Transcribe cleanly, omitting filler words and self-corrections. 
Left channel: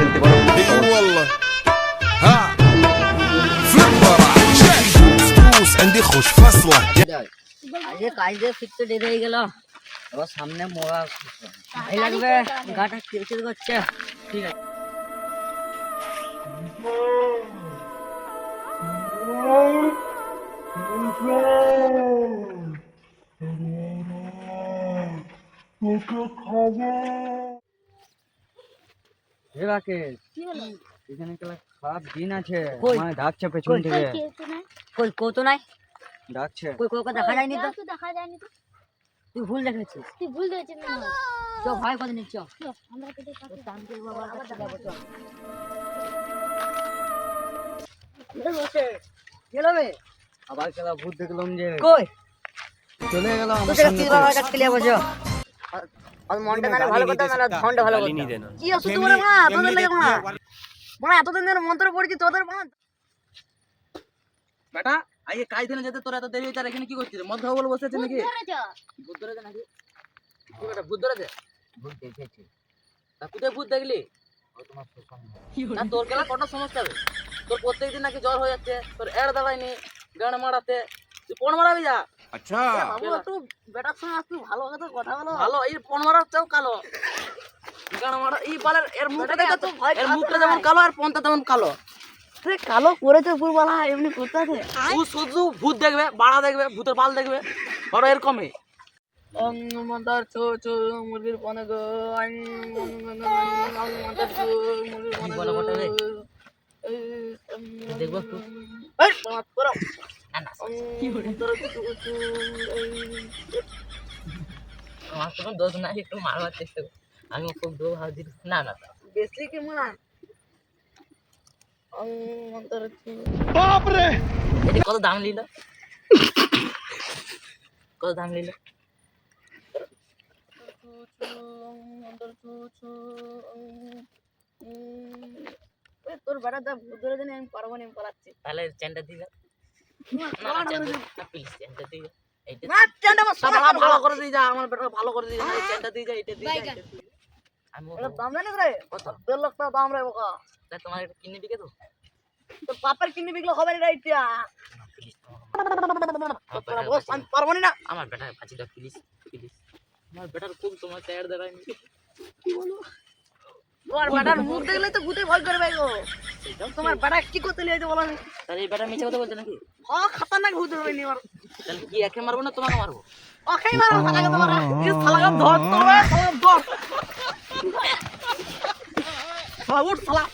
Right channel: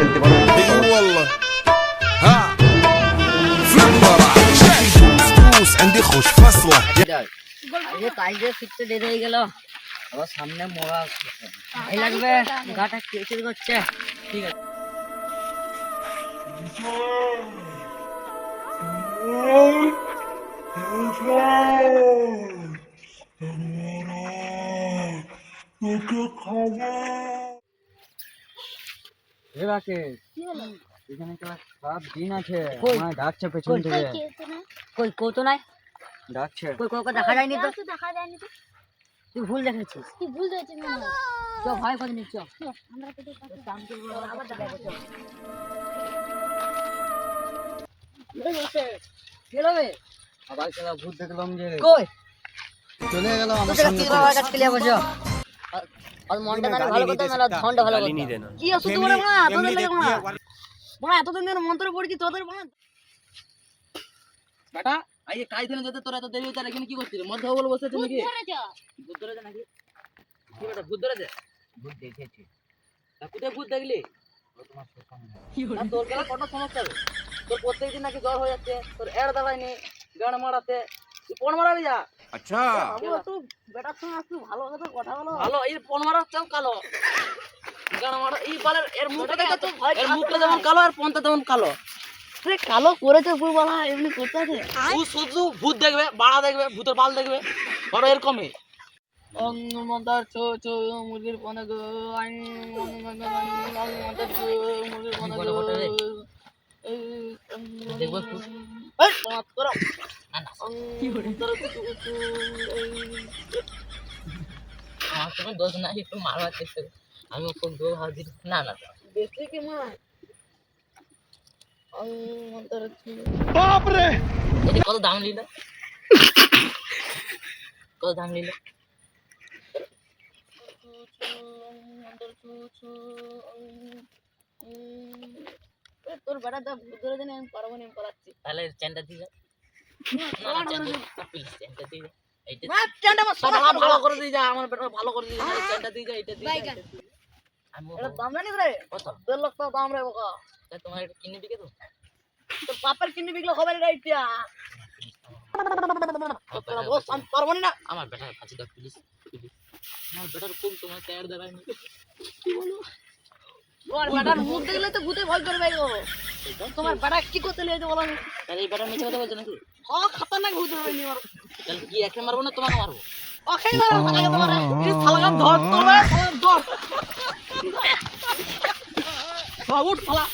খেলতে পারো। والله ها فليبر شكل دوس دوس عندي خوش فصله আজকে কাজে ফিরতে দেরি হয়ে গেল, আবার সামনে মোড়া ভাই লাগবে, গাটা কিরকির করছে। ঠিক আছে এখানে তো খারাপ দিন আছে, আমার ডাকছে পেছন থেকে। কই কত নাই ডাকছে, কই কোকে দেখা যায়নি তো, দেখা যায়নি তো, তুই ভুল দেখেছিস। তুই ভুল দেখেছিস না। তো ভাই কত নিচ্ছ? আমরা কেটে কাটে দাম কি বাবা কাছে যাবো চল। গেলো বে আবার খেলা ভূত দেখলাম যে কই চলে গেল আমার সামনে থেকে। আমার কাছে লিয়ে বসো আর মনটা না ভালো কথা না ধনটা ভালো কথা কি আছো তোমরা না তোদের লাগে না বড় এতদিন ধরে মন্ত্র পড়ছি তোদের বাঁধ বেটা আইয়ে কাজ দিনে যেতে তোরা এত দেরি হইছে, আর এখানে কি করছিস? মদ খাবো বলে বসে আছিস নাকি? ভূত ধরেছে নাকি? কি বেটা ভূত ধরেছে? ভূত দেখেছি। তা কোথায় ভূত দেখলি? ও তোমার সামনে না তোর গেলা কত সমস্যা হবে? তোর প্রত্যেকদিন নাকি জ্বর হয়ে যাচ্ছে, তোর এড় দাঁড়ায়নি গান মারাতে, তুই পণ মারাবি যা। अच्छा বাবু একটু বেটার সঙ্গে একটু ভালো কথা বলো। ভালো এই পণ মারার চাও কালো গান মারা এই বালের এর মুখটা দেখে তো এর মুখটা যেমন কালো আর পণটা তেমন কালো। তুই কালো করেছে পুরবালা এমনি করতে আছে। তুই শুধু ভূত দেখবে, বাড়া দেখবে, ভূতের বাল দেখবে, বড় এরকমই অং মন্দার চো চো মুরগির পানে গো আং অং মন্দার চো মুরগির পানে গো দেখবো একটু এই বাত করো না না কি হরে তোর চো আমার কোনো দোষ নাই, একটু মারবার চেষ্টা কর। আমি খুব দোষ হাত দিই না না বেশি কি মনে অং মন্দার চো এটা কত দাম নিল? কত দাম নিল? তোর বেটা দা ধরে জানি আমি পারবো না, আমি পালাচ্ছি। তাহলে চ্যানটা দিয়ে দাও না না চ্যানটা প্লিজ চ্যানটা দিয়ে দাও এইটা না চ্যানটা ভালো করে দিয়ে যা, আমার বেটা ভালো করে দিয়ে যা, চ্যানটা দিয়ে যা, এটা দিয়ে যা। আমি এটা দাম জানিস রে? কত 1.5 লাখ টাকা দাম রে বোকা। তাই তোমার এটা কিনে দিকে তো তোর বাপের কিনে বিকলে হবে রে এটা। তোরা বস আমি পারবো না। আমার বেটা ফাঁসি দাও প্লিজ প্লিজ। আমার বেটার খুব তোমার টায়ার দেখায়নি কি বলো? তোমার বেটার মুখ দেখলে তো ভূতে ভয় করবে গো। তোমার বেটা কি করতে লিয়েছে বলো? তাহলে এই বেটা মিছে কথা বলছে নাকি? খতরনাক ভূত হবে নি আর। তাহলে কি একে মারবো না তোমাকে মারবো? ওকেই মারো আগে তোমার এই শালাকে ধর তোর ধর। শালা উঠ শালা।